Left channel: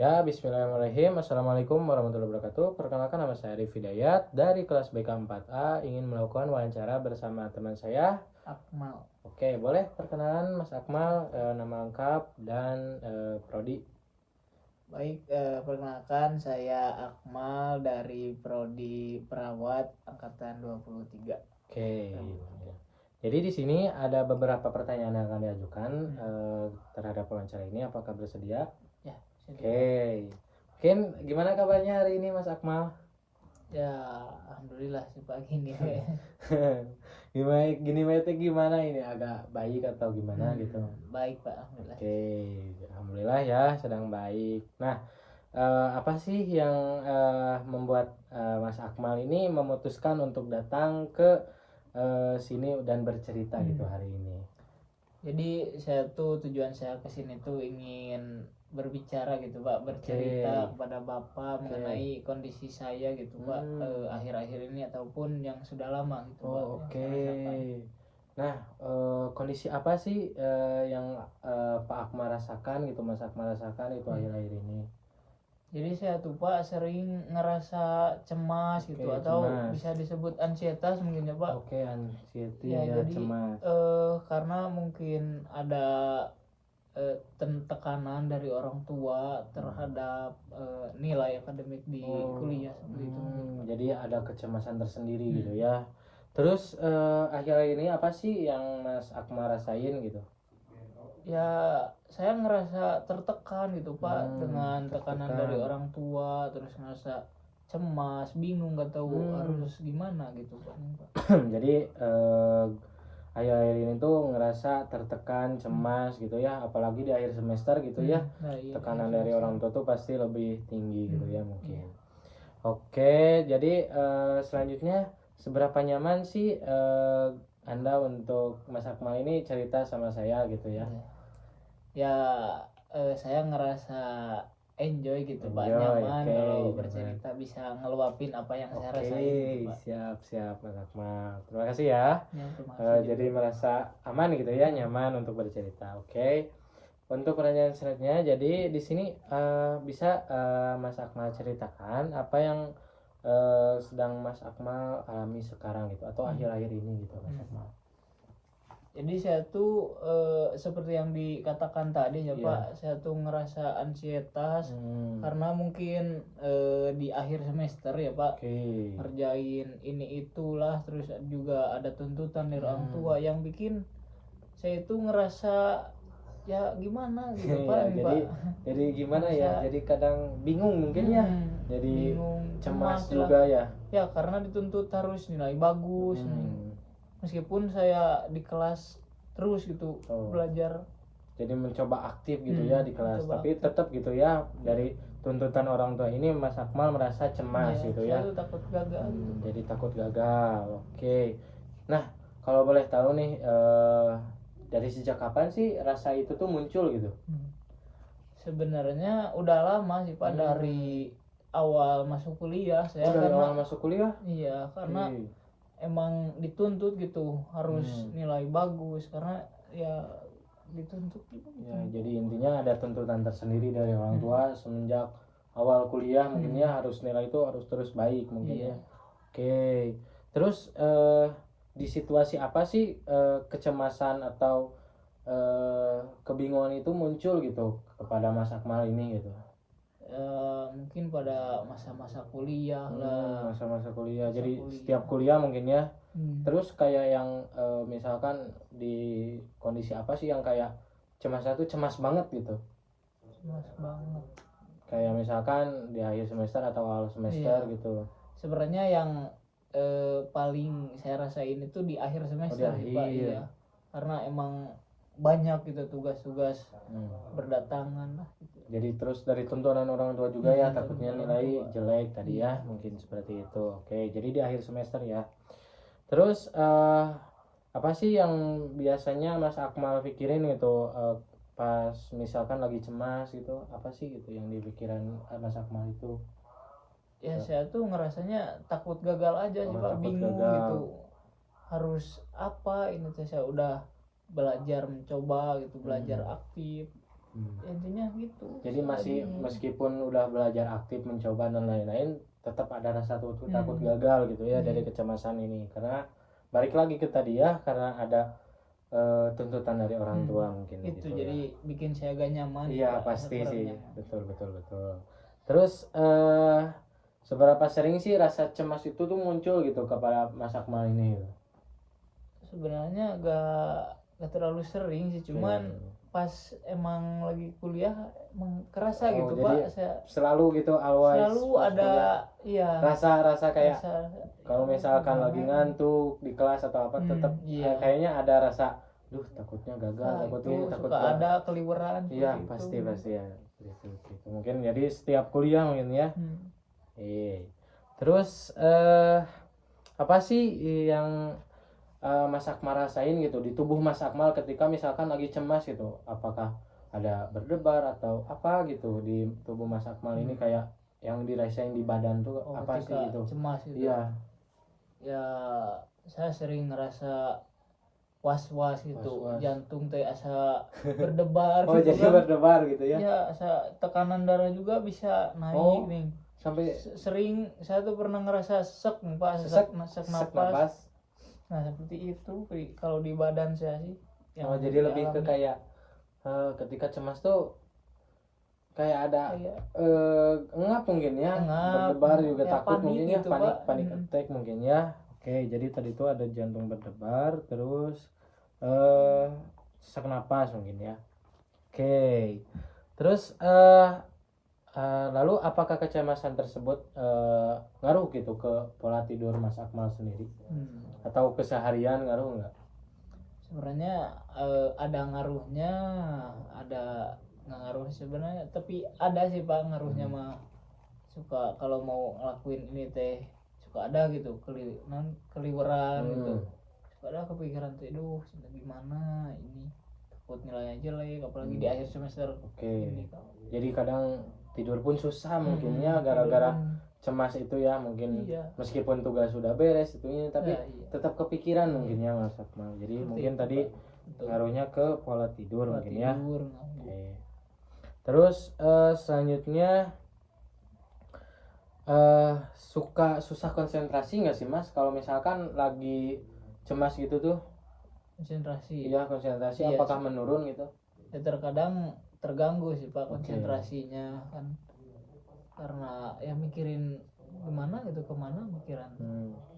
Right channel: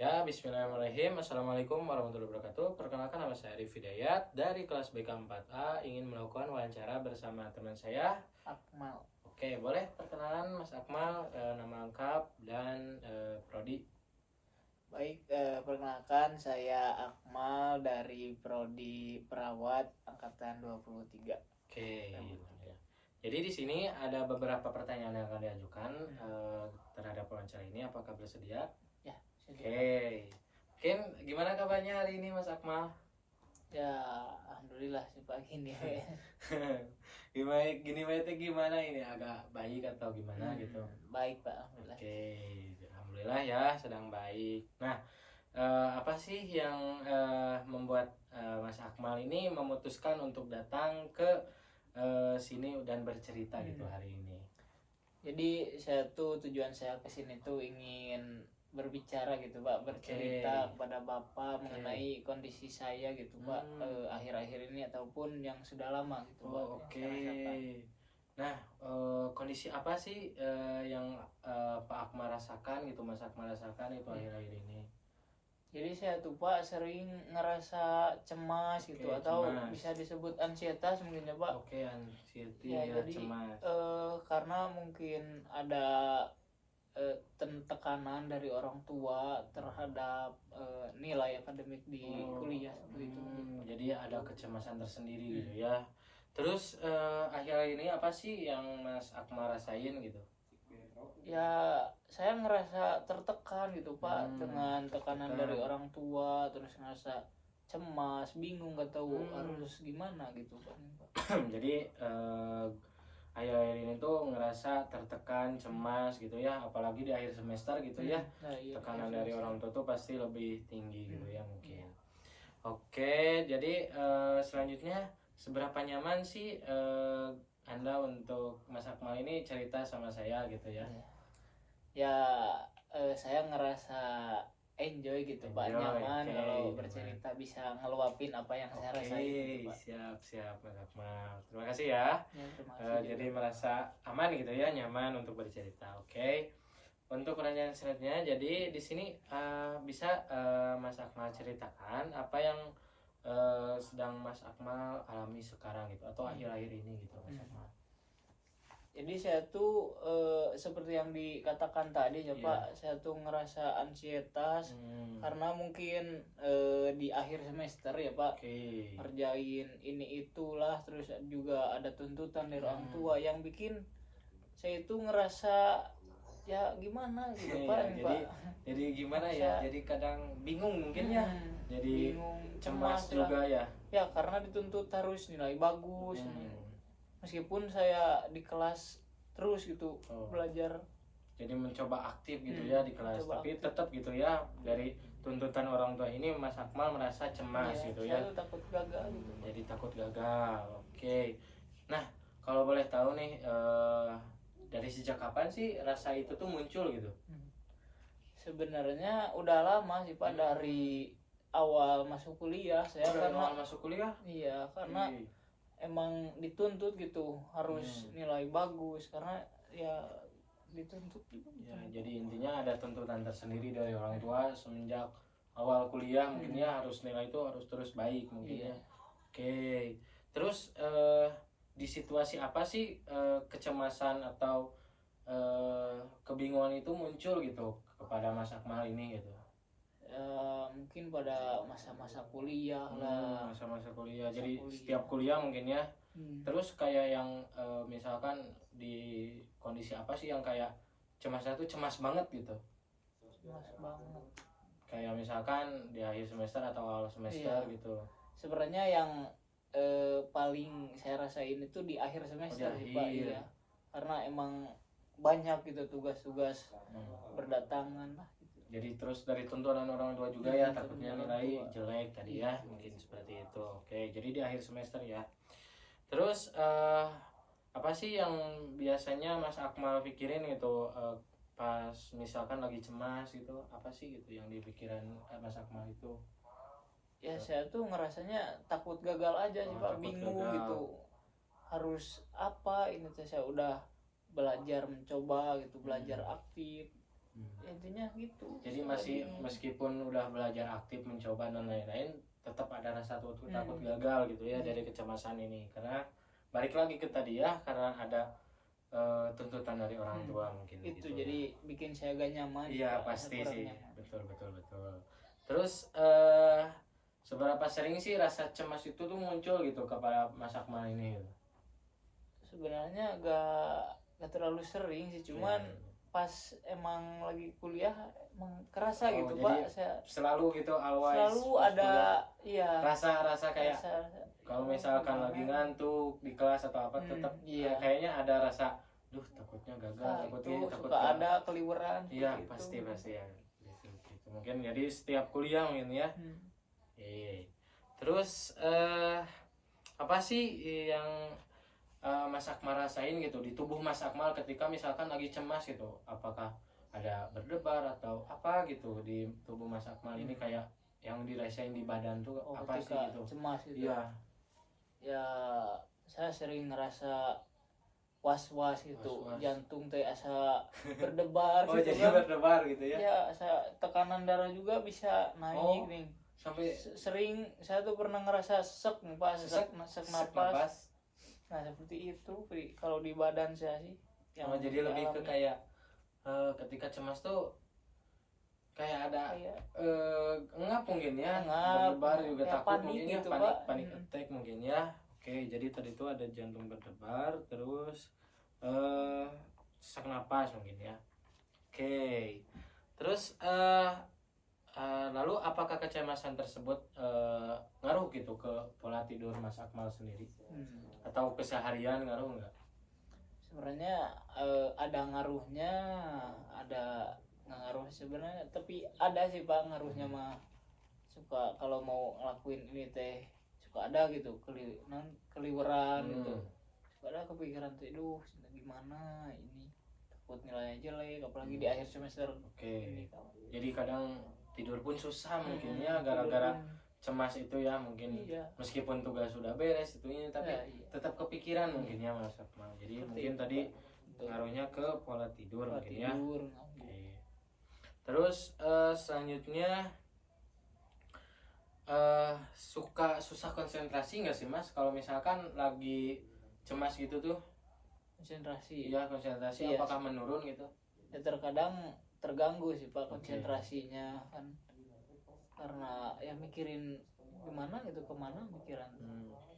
Ya, bismillahirrahmanirrahim. Assalamualaikum warahmatullahi wabarakatuh. Perkenalkan, nama saya Arif Hidayat dari kelas BK 4A. Ingin melakukan wawancara bersama teman saya, Akmal. Oke, boleh perkenalan Mas Akmal, nama lengkap dan prodi. Baik, perkenalkan saya Akmal dari Prodi Perawat angkatan 23. Oke. Jadi di sini ada beberapa pertanyaan yang akan diajukan terhadap wawancara ini. Apakah bersedia? Ya, Oke. Mungkin gimana kabarnya hari ini Mas Akmal? Ya, alhamdulillah sih Pak gini. Gimana ini, agak baik atau gimana gitu? Baik Pak, alhamdulillah. Oke, alhamdulillah ya sedang baik. Nah, apa sih yang membuat Mas Akmal ini memutuskan untuk datang ke sini dan bercerita gitu hari ini? Jadi tujuan saya ke sini tuh ingin berbicara gitu Pak, bercerita kepada Bapak mengenai kondisi saya gitu Pak, akhir-akhir ini ataupun yang sudah lama gitu Pak. Oke. Nah, kondisi apa sih yang Pak Akmal rasakan gitu, Mas Akmal rasakan itu akhir-akhir ini? Jadi saya tuh Pak sering ngerasa cemas gitu, atau cemas. bisa disebut ansietas mungkin ya Pak. Oke, anxiety Ya, ya, jadi cemas. karena mungkin ada tekanan dari orang tua terhadap nilai akademik di kuliah seperti itu. Jadi ada kecemasan tersendiri gitu ya. Terus akhir-akhir ini apa sih yang Mas Akmal rasain gitu? Ya, saya ngerasa tertekan gitu Pak, dengan tekanan dari orang tua, terus ngerasa cemas, bingung, gak tahu harus gimana gitu Pak. Jadi akhir-akhir ini tuh ngerasa tertekan, cemas gitu ya, apalagi di akhir semester gitu ya. Nah, iya, Tekanan dari orang tua tuh pasti lebih tinggi gitu ya mungkin. Oke, jadi selanjutnya seberapa nyaman sih Anda untuk Mas Akmal ini cerita sama saya gitu ya? Ya, saya ngerasa enjoy gitu Pak, nyaman kalau bercerita, bisa ngeluapin apa yang saya rasain gitu, Pak. Siap Mas Akmal, terima kasih ya. Terima kasih Jadi merasa aman gitu ya, nyaman untuk bercerita. Oke. Untuk pertanyaan selanjutnya, jadi di sini bisa Mas Akmal ceritakan apa yang sedang Mas Akmal alami sekarang gitu, atau akhir-akhir ini gitu Mas Akmal. Jadi saya tuh seperti yang dikatakan tadi ya Pak, saya tuh ngerasa ansietas karena mungkin di akhir semester ya Pak, ngerjain ini itulah, terus juga ada tuntutan dari orang tua yang bikin saya itu ngerasa ya gimana gitu Pak. Jadi gimana ya, jadi kadang bingung mungkin ya, jadi bingung, cemas juga ya. Ya, karena dituntut harus nilai bagus. Meskipun saya di kelas terus gitu belajar, jadi mencoba aktif gitu ya di kelas, tapi tetap gitu ya, dari tuntutan orang tua ini Mas Akmal merasa cemas gitu ya. Saya takut gagal gitu. Jadi takut gagal. Oke. Nah, kalau boleh tahu nih dari sejak kapan sih rasa itu tuh muncul gitu? Sebenarnya udah lama sih Pak, dari awal masuk kuliah saya. Dari awal masuk kuliah? Iya, karena emang dituntut gitu harus nilai bagus, karena ya dituntut gitu. Ya, jadi intinya ada tuntutan tersendiri dari orang tua semenjak awal kuliah mungkin ya, harus nilai itu harus terus baik mungkin ya. Oke. Terus di situasi apa sih kecemasan atau kebingungan itu muncul gitu kepada Mas Akmal ini gitu? Mungkin pada masa-masa kuliah lah. Masa-masa kuliah. Jadi setiap kuliah mungkin ya. Terus kayak yang misalkan di kondisi apa sih yang kayak cemasnya tuh cemas banget gitu? Cemas banget. Kayak misalkan di akhir semester atau awal semester gitu. Sebenarnya yang paling saya rasain itu di akhir semester Pak, ya. Karena emang banyak gitu tugas-tugas berdatangan lah gitu. Jadi terus dari tuntutan orang tua juga ya, takutnya nilai jelek tadi ya, mungkin seperti itu. Oke, jadi di akhir semester ya. Terus apa sih yang biasanya Mas Akmal pikirin gitu pas misalkan lagi cemas gitu? Apa sih gitu yang di pikiran Mas Akmal itu? Ya, saya tuh ngerasanya takut gagal aja sih Pak, bingung gitu. Harus apa ini tuh, saya udah belajar mencoba gitu, belajar aktif. Intinya gitu. Jadi masih meskipun udah belajar aktif mencoba dan lain-lain, tetap ada rasa takut gagal gitu ya dari kecemasan ini, karena balik lagi ke tadi ya, karena ada tuntutan dari orang tua mungkin itu gitu jadi ya. bikin saya agak nyaman. Iya pasti sih, betul. Terus seberapa sering sih rasa cemas itu tuh muncul gitu kepada Mas Akmal ini gitu? Sebenarnya gak terlalu sering sih, cuman pas emang lagi kuliah emang kerasa gitu jadi Pak. Saya selalu gitu always selalu ada iya rasa kayak kalau misalkan lagi ngantuk di kelas atau apa, tetap kayaknya ada rasa takutnya gagal, takutnya takut ada keliweran. Iya pasti ya gitu. Mungkin jadi setiap kuliah mungkin ya. Terus apa sih yang Mas Akmal rasain gitu di tubuh Mas Akmal ketika misalkan lagi cemas gitu? Apakah ada berdebar atau apa gitu di tubuh Mas Akmal ini, kayak yang dirasain di badan tuh apa sih gitu? Cemas itu. Iya. Ya saya sering ngerasa was-was gitu, jantung teh asa berdebar gitu. Jadi kan berdebar gitu ya? Ya, tekanan darah juga bisa naik nih. Sampai sering saya tuh pernah ngerasa sesek napas. Nah seperti itu kalau di badan saya sih. Jadi lebih ke kayak ketika cemas tuh kayak ada engap mungkin ya, berdebar juga ya, takut mungkin ya, panik attack mungkin ya. Oke, jadi tadi tuh ada jantung berdebar, terus sesak napas mungkin ya. Oke, terus lalu apakah kecemasan tersebut ngaruh gitu ke pola tidur Mas Akmal sendiri? Atau keseharian ngaruh nggak? Sebenarnya ada ngaruhnya, ada nggak ngaruh sebenarnya, tapi ada sih Pak ngaruhnya mah. Suka kalau mau ngelakuin ini teh suka ada gitu keliweran gitu, suka ada kepikiran tuh gimana ini, takut nilainya jelek apalagi di akhir semester. Ini, jadi kadang tidur pun susah mungkin ya gara-gara cemas itu ya mungkin. Meskipun tugas sudah beres itunya, tapi tetap kepikiran mungkin ya Mas Akmal. Jadi mungkin tadi ngaruhnya ke pola tidur mungkin ya. Terus selanjutnya susah konsentrasi nggak sih Mas kalau misalkan lagi cemas gitu tuh? Konsentrasi. Iya konsentrasi apakah menurun gitu? Ya terkadang terganggu sih Pak konsentrasinya kan, karena ya mikirin gimana gitu, kemana mikiran.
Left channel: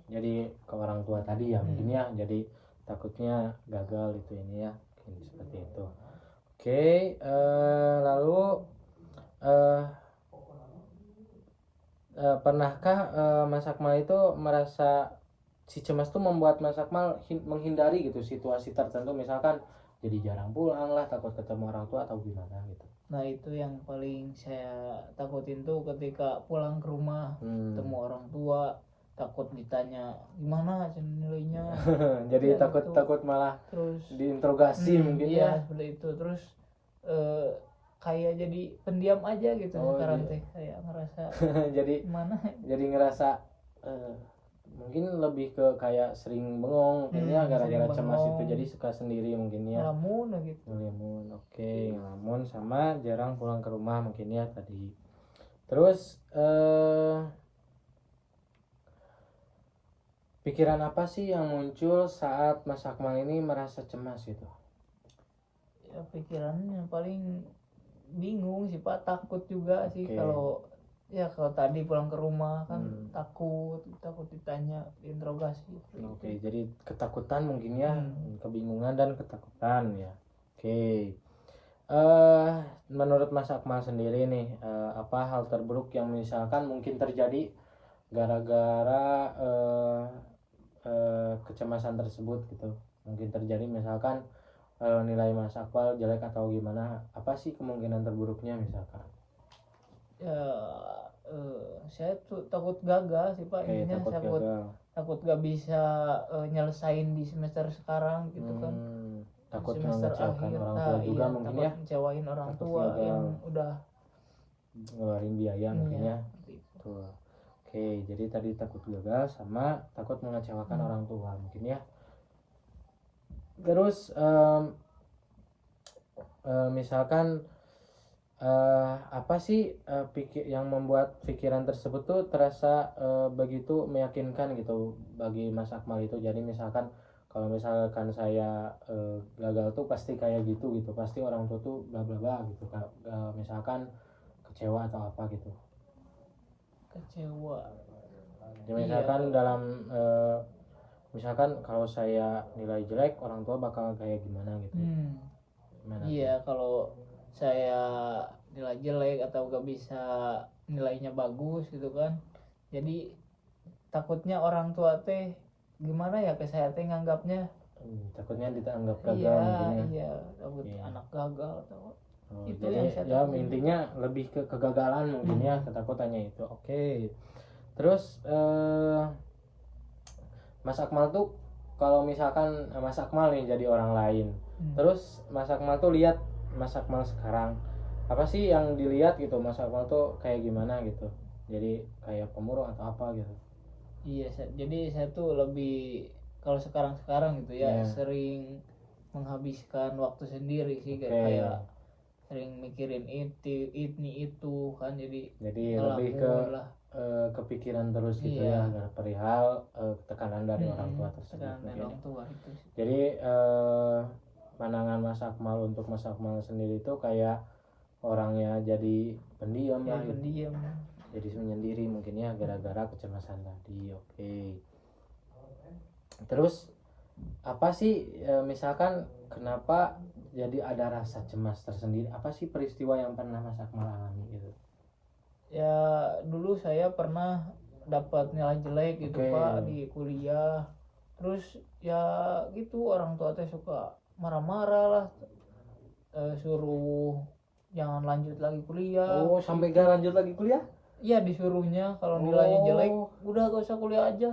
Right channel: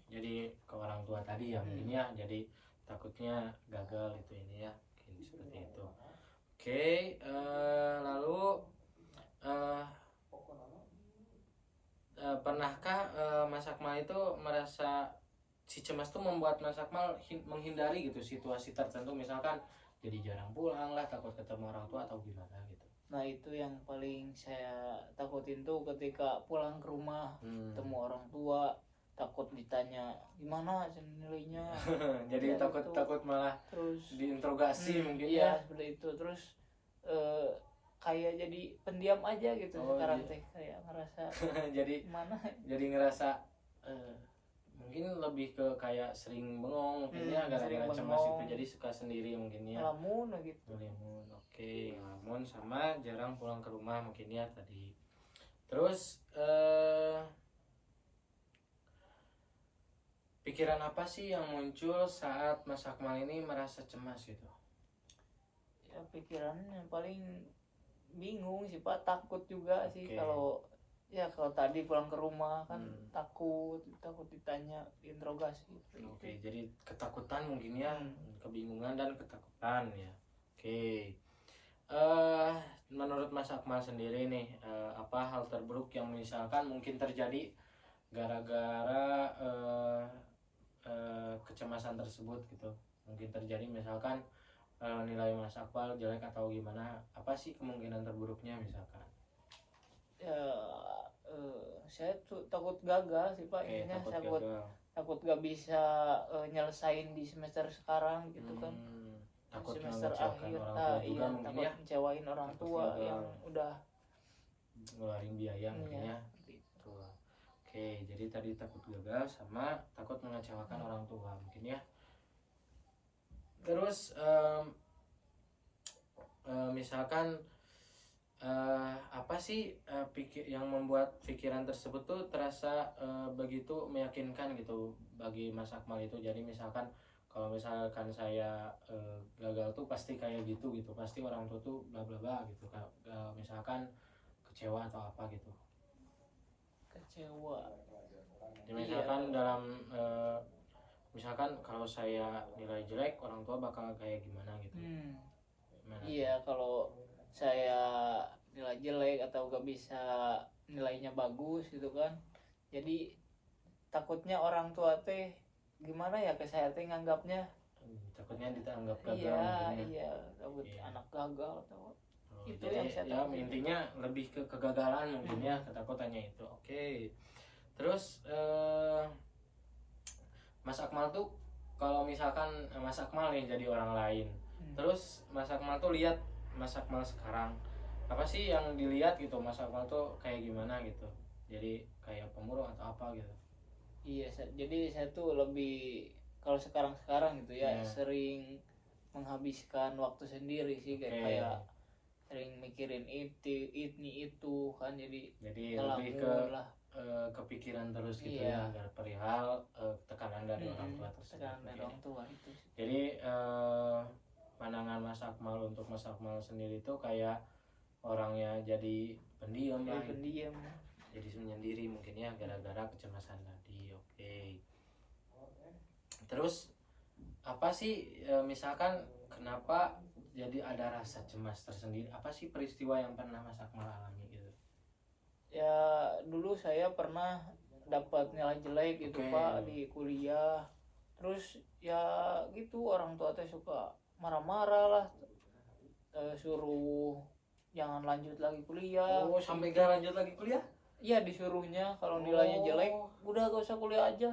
Jadi ke orang tua tadi ya mungkin ya, jadi takutnya gagal itu ini ya, mungkin seperti itu. Lalu pernahkah Mas Akmal itu merasa si cemas tuh membuat Mas Akmal menghindari gitu situasi tertentu, misalkan jadi jarang pulang lah, takut ketemu orang tua atau gimana gitu? Nah itu yang paling saya takutin tuh ketika pulang ke rumah ketemu orang tua, takut ditanya gimana nilainya. Jadi takut malah terus diinterogasi mungkin ya. Seperti itu. Terus kayak jadi pendiam aja gitu sekarang teh, kayak ngerasa jadi gimana? Jadi ngerasa mungkin lebih ke kayak sering bengong mungkin ya gara-gara cemas itu, jadi suka sendiri mungkin ya. Ngelamun gitu. Ngelamun sama jarang pulang ke rumah mungkin ya tadi. Terus pikiran apa sih yang muncul saat Mas Akmal ini merasa cemas gitu? Ya pikirannya paling bingung sih Pak, takut juga sih. Kalau tadi pulang ke rumah kan takut ditanya, diinterogasi. Jadi ketakutan mungkin ya, kebingungan dan ketakutan ya. Menurut Mas Akmal sendiri nih, apa hal terburuk yang misalkan mungkin terjadi gara-gara kecemasan tersebut gitu? Mungkin terjadi misalkan nilai Mas Akmal jelek atau gimana, apa sih kemungkinan terburuknya misalkan? Ya saya tuh takut gagal sih Pak. Takut gak bisa nyelesain di semester sekarang gitu kan. Takut mengecewakan orang tua juga mungkin ya. Ngecewain orang tua yang udah ngeluarin biaya mungkin ya. Tuh. Jadi tadi takut gagal sama takut mengecewakan orang tua mungkin ya. Terus misalkan apa sih yang membuat pikiran tersebut tuh terasa begitu meyakinkan gitu bagi Mas Akmal itu. Jadi misalkan kalau misalkan saya gagal tuh pasti kayak gitu, pasti orang tua tuh bla bla bla gitu, misalkan kecewa atau apa gitu. Kecewa. Jadi misalkan dalam misalkan kalau saya nilai jelek, orang tua bakal kayak gimana gitu. Gimana iya tuh? Kalau saya nilai jelek atau gak bisa nilainya bagus gitu kan, jadi takutnya orang tua teh gimana ya ke saya teh nganggapnya, takutnya dianggap gagal mungkin ya. Iya, takut anak gagal atau itu jadi yang saya ya intinya lebih ke kegagalan mungkin ya, ketakutannya itu. Oke. Terus Mas Akmal tuh kalau misalkan Mas Akmal nih jadi orang lain, terus Mas Akmal tuh lihat Mas Akmal sekarang, apa sih yang dilihat gitu Mas Akmal tuh kayak gimana gitu, jadi kayak pemurung atau apa gitu? Iya, jadi saya tuh lebih kalau sekarang gitu ya sering menghabiskan waktu sendiri sih, kayak sering mikirin itu kan, jadi lebih ke kepikiran terus gitu ya, perihal tekanan dari orang tua tersebut. Jadi pandangan Mas Akmal untuk Mas Akmal sendiri itu kayak orangnya jadi pendiam lah, jadi menyendiri mungkin ya gara-gara kecemasan tadi. Oke. Terus apa sih misalkan kenapa jadi ada rasa cemas tersendiri, apa sih peristiwa yang pernah Mas Akmal alami gitu? Ya dulu saya pernah dapat nilai jelek gitu Pak di kuliah, terus ya gitu orang tua teh suka marah-marah lah, suruh jangan lanjut lagi kuliah. Oh, sampai gak lanjut lagi kuliah? Iya, disuruhnya kalau nilainya jelek udah gak usah kuliah aja.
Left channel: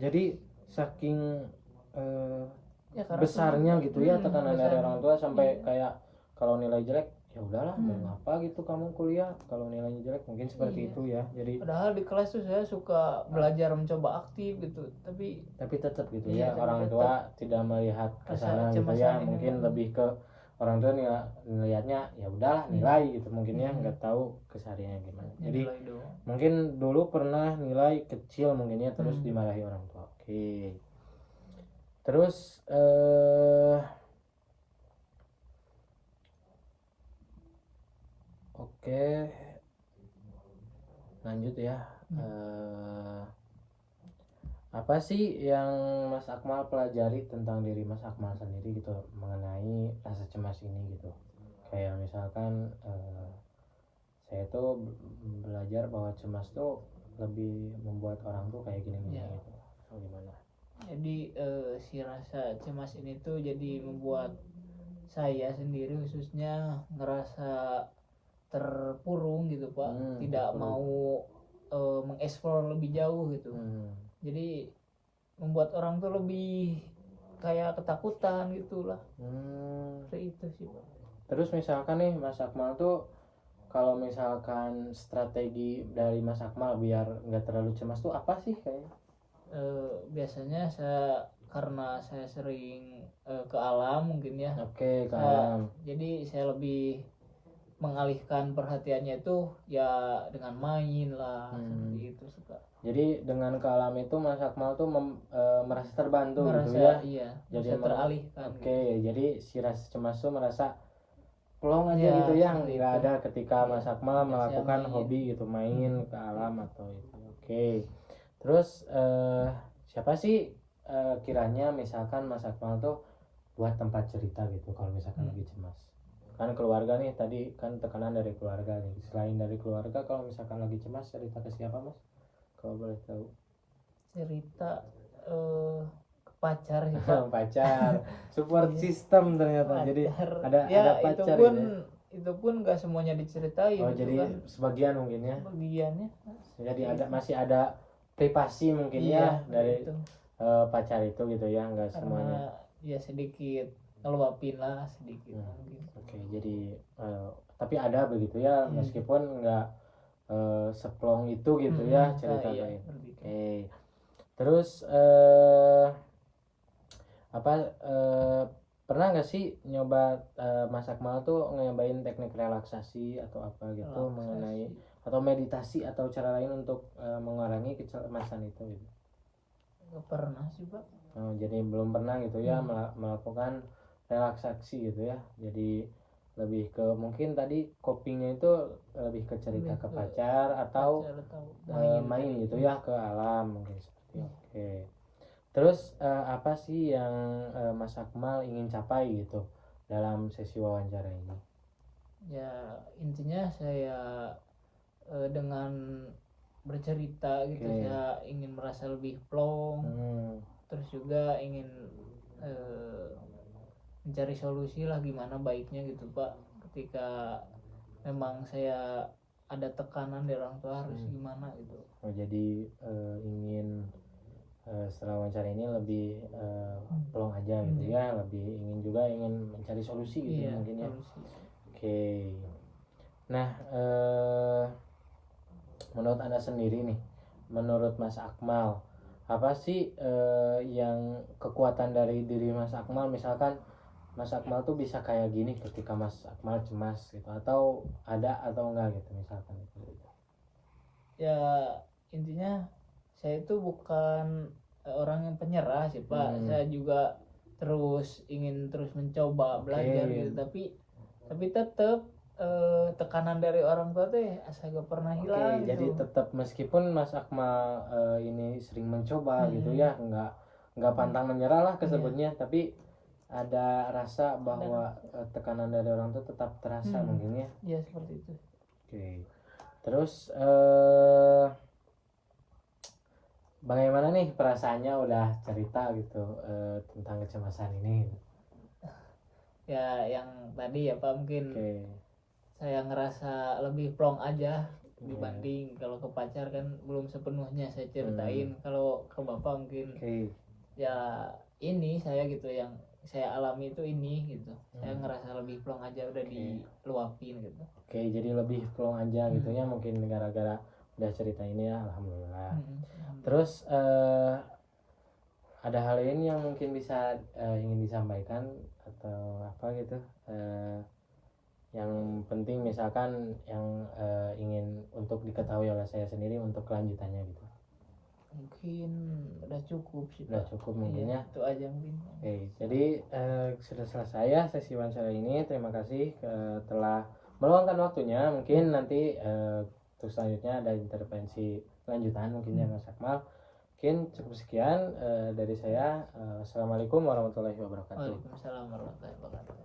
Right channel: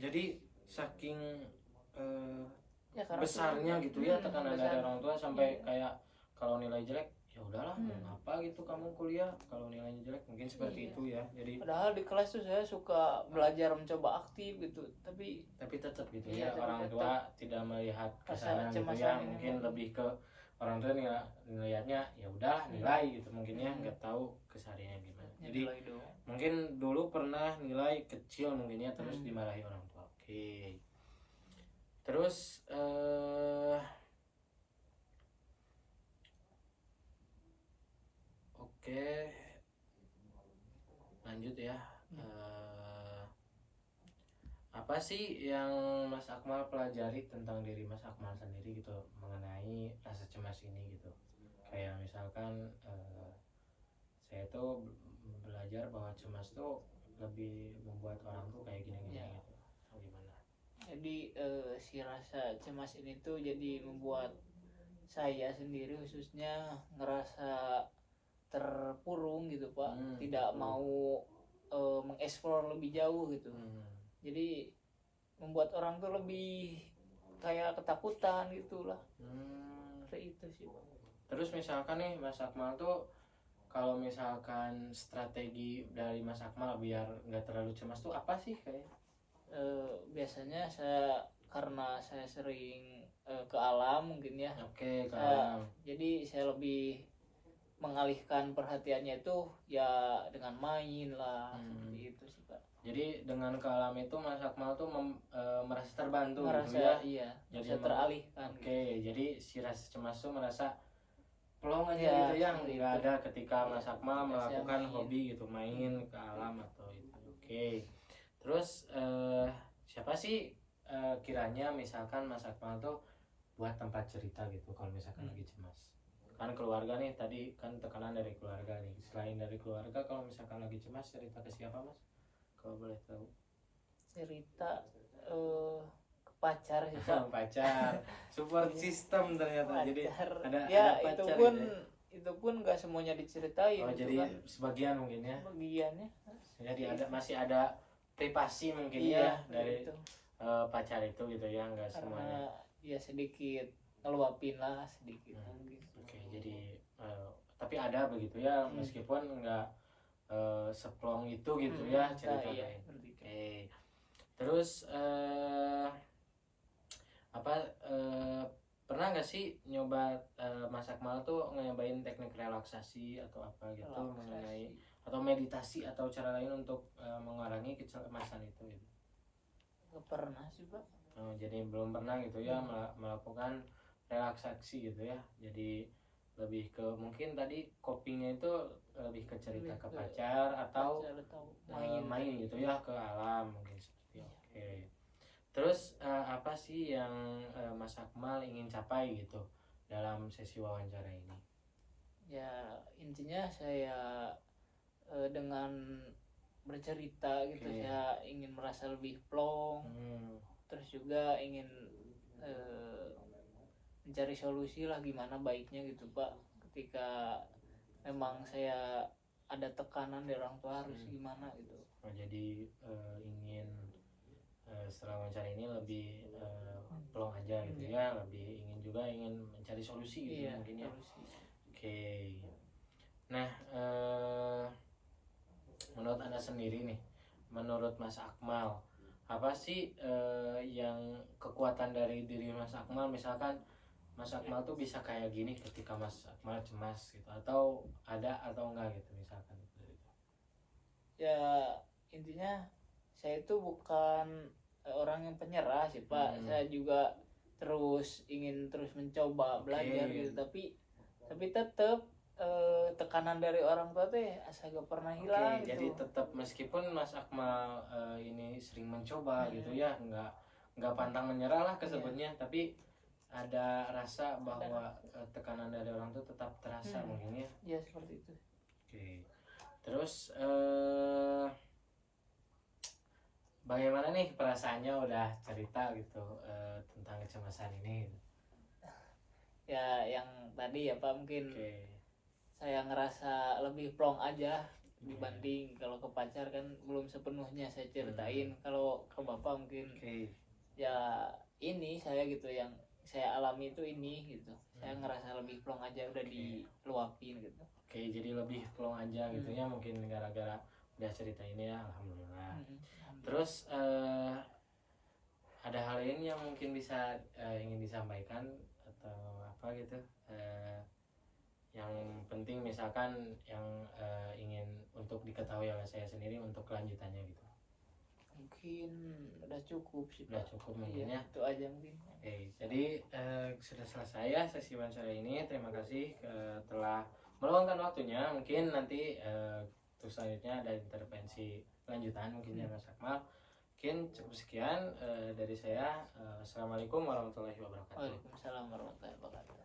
Jadi saking ya, besarnya gitu ya tekanan dari orang tua sampai kayak kalau nilai jelek ya udahlah mau ngapa gitu kamu kuliah kalau nilainya jelek, mungkin seperti itu ya. Jadi padahal di kelas tuh saya suka belajar, mencoba aktif gitu, tapi tetap gitu ya orang tua tidak melihat ke sana gitu ya, mungkin lebih ke orang tua ngelihatnya ya udahlah nilai gitu mungkin ya, nggak tahu kesehariannya gimana. Jadi mungkin dulu pernah nilai kecil mungkin ya, terus dimarahi orang tua. Oke. Terus oke, lanjut ya. Apa sih yang Mas Akmal pelajari tentang diri Mas Akmal sendiri gitu mengenai rasa cemas ini gitu? Kayak misalkan saya tuh belajar bahwa cemas tuh lebih membuat orang tuh kayak gini gitu. So, gimana? Jadi si rasa cemas ini tuh jadi membuat saya sendiri khususnya ngerasa terpurung gitu Pak, tidak mau mengeksplor lebih jauh gitu. Jadi membuat orang tuh lebih kayak ketakutan gitulah. Itu sih Pak. Terus misalkan nih Mas Akmal tuh, kalau misalkan strategi dari Mas Akmal biar nggak terlalu cemas tuh apa sih kayaknya? Biasanya karena saya sering ke alam mungkin ya. Oke, ke alam. Jadi saya lebih mengalihkan perhatiannya itu ya dengan main lah, seperti itu sih Pak. Jadi dengan ke alam itu Mas Akmal tuh merasa terbantu gitu ya. Iya, jadi teralihkan. Oke, jadi si rasa cemas tuh merasa plong aja gitu ya, nggak ada ketika Mas Akmal melakukan hobi gitu, main ke alam atau itu. Oke. Terus siapa sih kiranya misalkan Mas Akmal tuh buat tempat cerita gitu kalau misalkan lagi cemas? Kan keluarga nih, tadi kan tekanan dari keluarga nih. Selain dari keluarga, kalau misalkan lagi cemas cerita ke siapa Mas? Kalau boleh tahu. Cerita ke pacar sih pacar, support system ternyata. Jadi ada pacar itu pun nggak semuanya diceritain. Oh, jadi kan sebagian mungkin ya. Bagiannya. Jadi masih ada privasi mungkin ya dari pacar itu gitu ya, nggak semuanya. Ya sedikit ngeluapin lah sedikit. Oke, jadi tapi ada begitu ya, meskipun nggak seplong itu gitu ya ceritanya. Terus pernah nggak sih nyoba Mas Akmal tuh nyobain teknik relaksasi atau apa gitu mengenai atau meditasi atau cara lain untuk mengurangi kecemasan itu gitu? Nggak pernah sih Pak. Oh, jadi belum pernah gitu ya melakukan relaksasi gitu ya. Jadi lebih ke mungkin tadi copingnya itu lebih ke cerita ke pacar atau main gitu ya ke alam mungkin seperti itu. Oke. Terus apa sih yang Mas Akmal ingin capai gitu dalam sesi wawancara ini? Ya intinya saya dengan bercerita gitu saya ingin merasa lebih plong. Terus juga ingin mencari solusi lah gimana baiknya gitu Pak, ketika memang saya ada tekanan dari orang tua harus gimana gitu. Oh, jadi ingin setelah wawancara ini lebih plong aja gitu ya, lebih ingin mencari solusi gitu ya, mungkin ya. Oke. Nah, menurut Anda sendiri nih, menurut Mas Akmal, apa sih yang kekuatan dari diri Mas Akmal? Misalkan Mas Akmal tuh bisa kayak gini ketika Mas Akmal cemas gitu, atau ada atau enggak gitu misalkan gitu. Ya intinya saya itu bukan orang yang penyerah sih Pak. Saya juga ingin terus mencoba belajar gitu, tapi tetap tekanan dari orang tua teh asa gak pernah hilang. Jadi tetap meskipun Mas Akmal ini sering mencoba gitu ya, nggak pantang menyerah lah kesebutnya, tapi ada rasa bahwa tekanan dari orang tua tetap terasa mungkin ya. Ya seperti itu. Oke. Terus bagaimana nih perasaannya udah cerita gitu tentang kecemasan ini? Ya yang tadi ya Pak, mungkin saya ngerasa lebih plong aja dibanding kalau ke pacar kan belum sepenuhnya saya ceritain. Kalau ke Bapak mungkin ya ini saya gitu yang saya alami itu ini gitu. Saya ngerasa lebih plong aja udah diluapin gitu. Jadi lebih plong aja gitu ya, mungkin gara-gara udah cerita ini ya, alhamdulillah. Terus ada hal lain yang mungkin bisa ingin disampaikan atau apa gitu, yang penting misalkan yang ingin untuk diketahui oleh saya sendiri untuk kelanjutannya gitu? Mungkin udah cukup sih Pak. Udah cukup mungkin ya, itu aja mungkin. Jadi sudah selesai ya sesi wawancara ini. Terima kasih telah meluangkan waktunya. Mungkin nanti untuk selanjutnya ada intervensi lanjutan mungkin ya Mas Akmal. Mungkin cukup sekian dari saya. Assalamualaikum warahmatullahi wabarakatuh. Waalaikumsalam warahmatullahi wabarakatuh.